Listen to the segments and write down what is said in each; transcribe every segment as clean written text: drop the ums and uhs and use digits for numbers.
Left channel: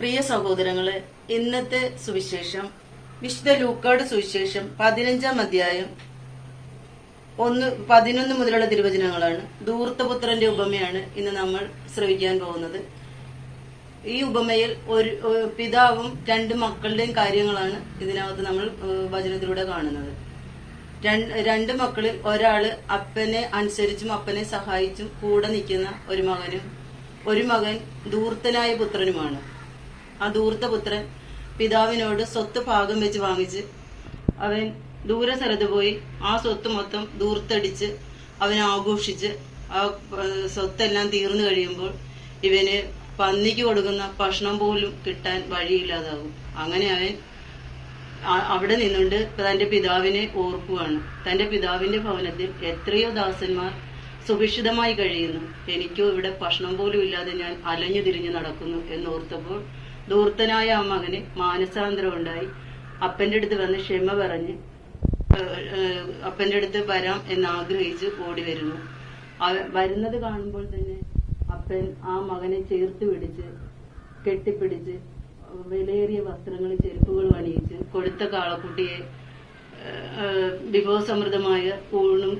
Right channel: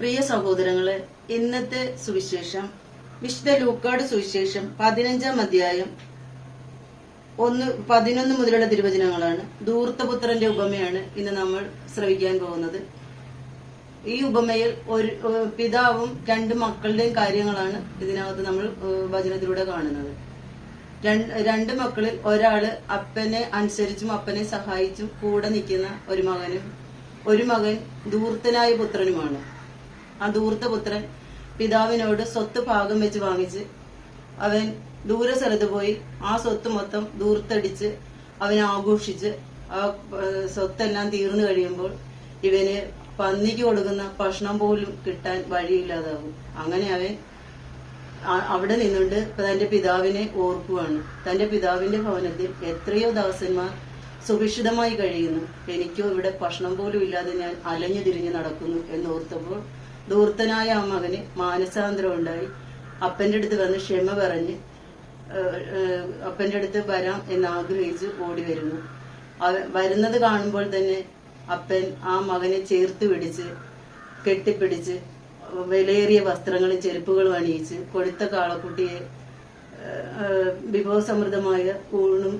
പ്രിയ സഹോദരങ്ങളെ, ഇന്നത്തെ സുവിശേഷം വിശുദ്ധ ലൂക്കാട് സുവിശേഷം 15-ാം അധ്യായം 11 മുതലുള്ള തിരുവചനങ്ങളാണ്. ധൂർത്തപുത്രന്റെ ഉപമയാണ് ഇന്ന് നമ്മൾ ശ്രവിക്കാൻ പോകുന്നത്. ഈ ഉപമയിൽ ഒരു പിതാവും രണ്ട് മക്കളുടെയും കാര്യങ്ങളാണ് ഇതിനകത്ത് നമ്മൾ വചനത്തിലൂടെ കാണുന്നത്. രണ്ട് മക്കളിൽ ഒരാള് അപ്പനെ അനുസരിച്ചും അപ്പനെ സഹായിച്ചും കൂടെ നിൽക്കുന്ന ഒരു മകനും ഒരു മകൻ ധൂർത്തനായ പുത്രനുമാണ്. ആ ധൂർത്തപുത്രൻ പിതാവിനോട് സ്വത്ത് ഭാഗം വെച്ച് വാങ്ങിച്ച് അവൻ ദൂര സ്ഥലത്ത് പോയി ആ സ്വത്ത് മൊത്തം ധൂർത്തടിച്ച് അവൻ ആഘോഷിച്ച് ആ സ്വത്തെല്ലാം തീർന്നു കഴിയുമ്പോൾ ഇവന് പന്നിക്ക് കൊടുക്കുന്ന ഭക്ഷണം പോലും കിട്ടാൻ വഴിയില്ലാതാകും. അങ്ങനെ അവൻ അവിടെ നിന്നുകൊണ്ട് തന്റെ പിതാവിനെ ഓർക്കുവാണ്. തന്റെ പിതാവിന്റെ ഭവനത്തിൽ എത്രയോ ദാസന്മാർ സുഭിക്ഷിതമായി കഴിയുന്നു, എനിക്കോ ഇവിടെ ഭക്ഷണം പോലും ഇല്ലാതെ ഞാൻ അലഞ്ഞു തിരിഞ്ഞു നടക്കുന്നു എന്നോർത്തപ്പോൾ ധൂർത്തനായ ആ മകന് മാനസാന്തരം ഉണ്ടായി. അപ്പന്റെ അടുത്ത് വന്ന് ക്ഷമ പറഞ്ഞ് അപ്പന്റെ അടുത്ത് വരാം എന്നാഗ്രഹിച്ച് ഓടി വരുന്നു. വരുന്നത് കാണുമ്പോൾ തന്നെ അപ്പൻ ആ മകനെ ചേർത്ത് പിടിച്ച് കെട്ടിപ്പിടിച്ച് വിലയേറിയ വസ്ത്രങ്ങളും ചെരുപ്പുകളും അണിയിച്ച് കൊഴുത്ത കാളക്കുട്ടിയെ വിഭവസമൃദ്ധമായ ഊണും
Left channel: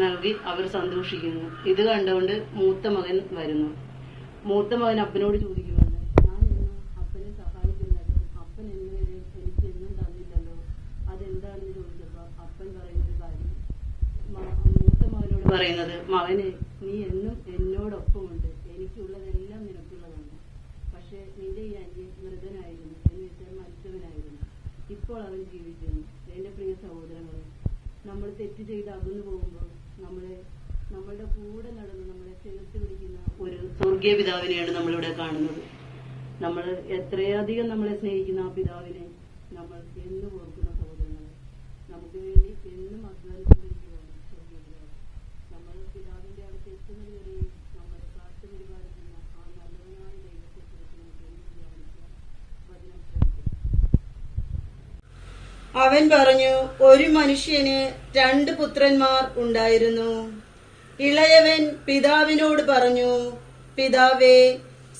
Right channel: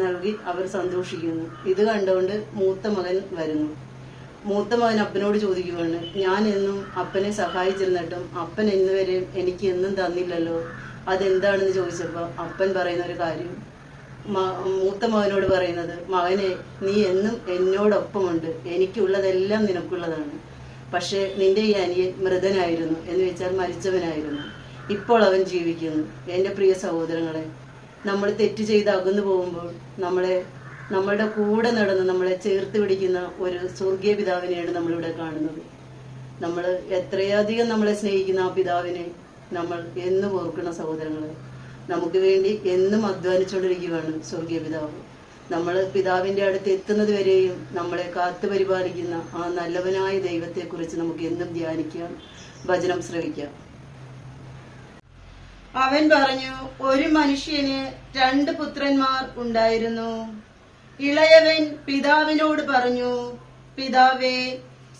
നൽകി അവർ സന്തോഷിക്കുന്നു. ഇത് കണ്ടുകൊണ്ട് മൂത്ത മകൻ വരുന്നു. മൂത്ത മകൻ അപ്പനോട് ചോദിക്കുകയാണ്, ഞാൻ എന്നും അപ്പനെ സഹായിച്ചിരുന്നിട്ടും അപ്പൻ ഇന്നുവരെ എനിക്ക് എന്നും തന്നില്ലല്ലോ, അതെന്താണെന്ന് ചോദിച്ചപ്പോൾ അപ്പൻ പറയുന്ന ഒരു കാര്യം, മൂത്ത മകനോട് പറയുന്നത്, മകനെ നീ എന്നും എന്നോടൊപ്പമുണ്ട്, എനിക്കുള്ളതെല്ലാം നിനക്കുള്ളതാണ്. പക്ഷെ നിന്റെ ഈ അനിയൻ മൃതനായിരുന്നു, എന്ന് വെച്ചാൽ മരിച്ചവനായിരുന്നു, ഇപ്പോൾ അവൻ ജീവിക്കുന്നു. എന്റെ പ്രിയ സഹോദരങ്ങളെ, നമ്മൾ തെറ്റ് ചെയ്ത് അകന്നു പോകുമ്പോൾ നമ്മളുടെ കൂടെ നടന്ന് നമ്മളെ ചേർത്ത് പിടിക്കുന്ന ഒരു സ്വർഗീയ പിതാവിനെയാണ് നമ്മളിവിടെ കാണുന്നത്. നമ്മൾ എത്രയധികം നമ്മളെ സ്നേഹിക്കുന്ന ആ പിതാവിനെ നമ്മൾ എന്നും ഓർക്കണം സഹോദരങ്ങളെ. നമുക്ക് വേണ്ടി എന്നും അധ്വാനിച്ചുകൊണ്ടിരിക്കുകയാണ് സ്വർഗീയ പിതാവ്. നമ്മൾ പിതാവിന്റെ അടുത്ത് എത്തുന്നത് വരെയും നമ്മളെ കാത്തു പരിപാലിക്കുന്ന ആ നല്ലവനായ ദൈവത്തെക്കുറിച്ച് നമുക്ക് എന്നും ധ്യാനിക്കാം, വചനം ശ്രവിക്കാം. അവൻ പറഞ്ഞു, ഒരു മനുഷ്യന് 2 പുത്രന്മാർ ഉണ്ടായിരുന്നു. ഇളയവൻ പിതാവിനോട് പറഞ്ഞു, പിതാവേ,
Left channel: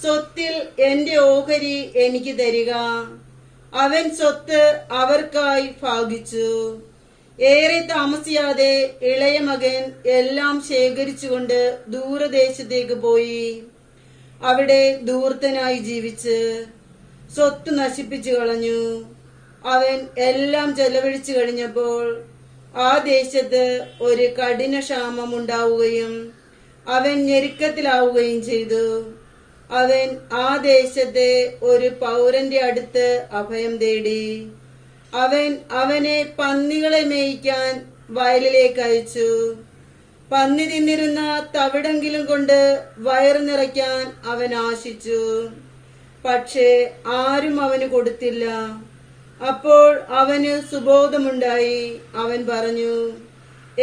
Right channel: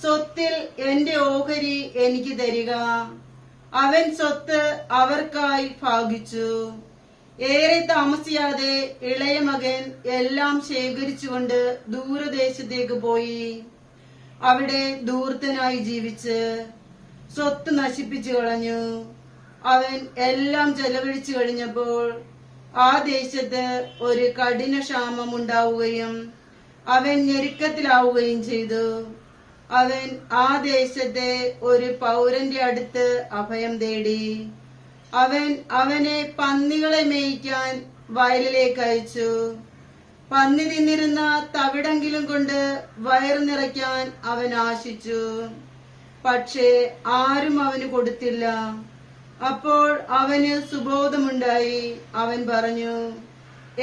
സ്വത്തിൽ എന്റെ ഓഹരി എനിക്ക് തരിക. അവൻ സ്വത്ത് അവർക്കായി ഭാഗിച്ചു. ഏറെ താമസിയാതെ ഇളയ മകൻ എല്ലാം ശേഖരിച്ചുകൊണ്ട് ദൂരദേശത്തേക്ക് പോയി. അവിടെ ധൂർത്തനായി ജീവിച്ച് സ്വത്ത് നശിപ്പിച്ചു കളഞ്ഞു. അവൻ എല്ലാം ചെലവഴിച്ചു കഴിഞ്ഞപ്പോൾ ആ ദേശത്ത് ഒരു കഠിന ക്ഷാമം ഉണ്ടാവുകയും അവൻ ഞെരുക്കത്തിലാവുകയും ചെയ്തു. അവൻ ആ ദേശത്തെ ഒരു പൗരന്റെ അടുത്ത് അഭയം തേടി. അവൻ അവനെ പന്നികളെ മേയ്ക്കാൻ വയലിലേക്ക് അയച്ചു. പന്നി തിന്നിരുന്ന തവിടെങ്കിലും കൊണ്ട് വയറ് നിറയ്ക്കാൻ അവൻ ആശിച്ചു. പക്ഷേ ആരും അവന് കൊടുത്തില്ല. അപ്പോൾ അവന് സുബോധമുണ്ടായി. അവൻ പറഞ്ഞു,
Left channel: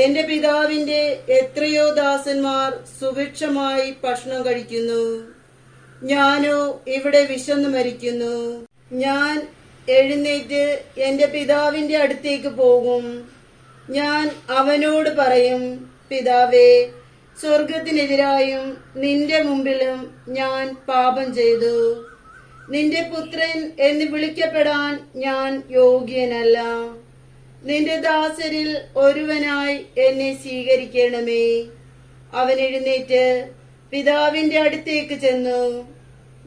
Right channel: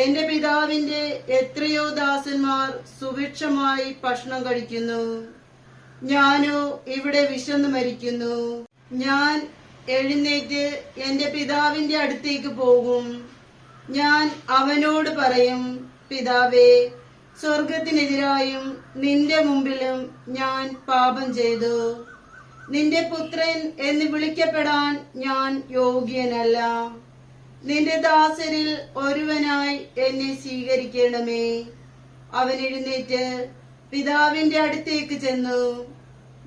എന്റെ പിതാവിന്റെ എത്രയോ ദാസന്മാർ സുഭിക്ഷമായി ഭക്ഷണം കഴിക്കുന്നു, ഞാനോ ഇവിടെ വിശന്നു മരിക്കുന്നു. ഞാൻ എഴുന്നേറ്റ് എന്റെ പിതാവിന്റെ അടുത്തേക്ക് പോകും. ഞാൻ അവനോട് പറയും, പിതാവേ, സ്വർഗത്തിനെതിരായും നിന്റെ മുമ്പിലും ഞാൻ പാപം ചെയ്തു. നിന്റെ പുത്രൻ എന്ന് വിളിക്കപ്പെടാൻ ഞാൻ യോഗ്യനല്ല. നിന്റെ ദാസരിൽ ഒരുവനായി എന്നെ സ്വീകരിക്കണമേ. അവൻ എഴുന്നേറ്റ് പിതാവിന്റെ അടുത്തേക്ക് ചെന്നു.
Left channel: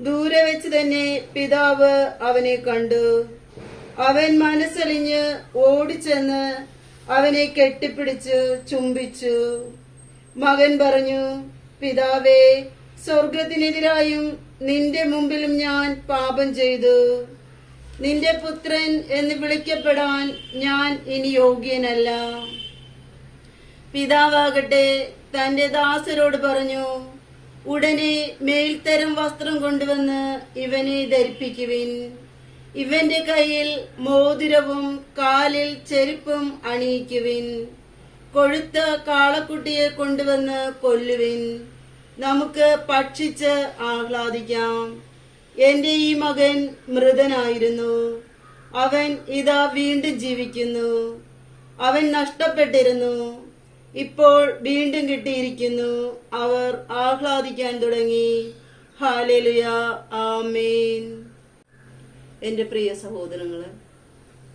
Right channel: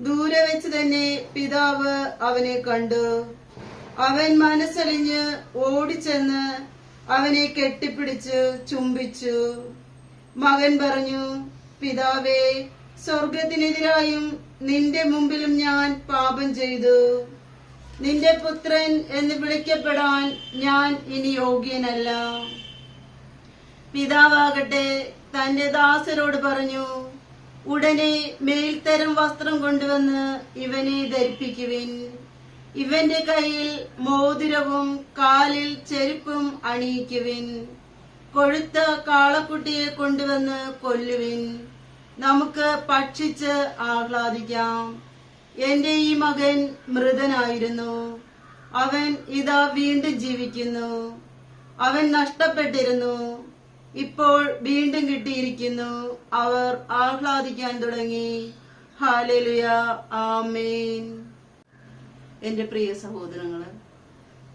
ദൂരെ വെച്ച് തന്നെ പിതാവ് അവനെ കണ്ടു. അവൻ മനസ്സലിഞ്ഞ് ഓടിച്ചെന്ന് അവനെ കെട്ടിപ്പിടിച്ച് ചുംബിച്ചു. മകൻ പറഞ്ഞു, പിതാവേ, സ്വർഗത്തിനെതിരായും നിന്റെ മുമ്പിലും ഞാൻ പാപം ചെയ്തു. നിന്റെ പുത്രൻ എന്ന് വിളിക്കപ്പെടാൻ ഞാൻ ഇനി യോഗ്യനല്ല. പിതാവാകട്ടെ തന്റെ ദാസരോട് പറഞ്ഞു, ഉടനെ മേൽത്തരം വസ്ത്രം കൊണ്ടുവന്ന് ഇവനെ ധരിപ്പിക്കുവിൻ. ഇവന്റെ കയ്യിൽ മോതിരവും കാലിൽ ചെരുപ്പും അണിയിക്കുവിൻ. കൊഴുത്ത കാളക്കുട്ടിയെ കൊണ്ടുവന്ന് കൊല്ലുവിൻ. നമുക്ക് ഭക്ഷിച്ച് ആഹ്ലാദിക്കാം. എന്റെ ഈ മകൻ മൃതനായിരുന്നു, അവൻ ഇതാ വീണ്ടും ജീവിക്കുന്നു. അവൻ നഷ്ടപ്പെട്ടിരുന്നു, ഇപ്പോൾ വീണ്ടും കിട്ടിയിരിക്കുന്നു. അവർ ആഹ്ലാദിക്കാൻ തുടങ്ങി. ഹല്ലേലൂയ, ആമേൻ. എന്റെ പ്രിയ സഹോദരങ്ങളെ,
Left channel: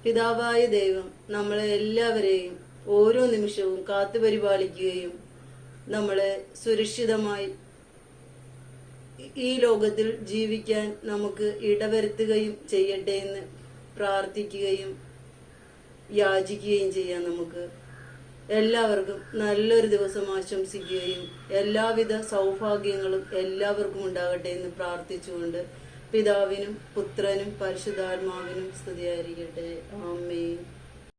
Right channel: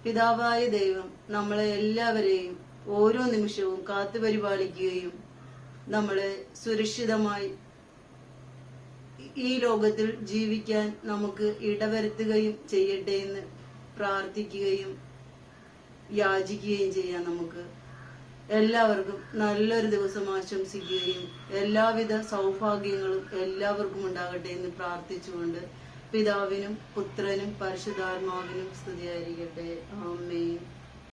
പിതാവായ ദൈവം നമ്മളെ എല്ലാവരെയും ഓരോ നിമിഷവും കാത്തുപരിപാലിക്കുകയും നമ്മളെ സുരക്ഷിതമായി ഈ ലോകത്തിൽ ജീവിക്കാൻ നമുക്ക് ഇടവരുത്തുകയും ചെയ്യട്ടെ എന്ന് പ്രാർത്ഥിക്കുകയും യാചിക്കുകയും ചെയ്യാം. നമുക്ക് എല്ലാവർക്കും നല്ലൊരു ദിവസം ആശംസിക്കുകയും എല്ലാവിധ സൗഭാഗ്യങ്ങളും എല്ലാവർക്കും ഉണ്ടാകട്ടെ എന്ന് പ്രാർത്ഥിച്ചുകൊണ്ട് പിതാവിനും പുത്രനും പരിശുദ്ധാത്മാവിനും സ്തുതിയായിരിക്കട്ടെ. ആമേൻ.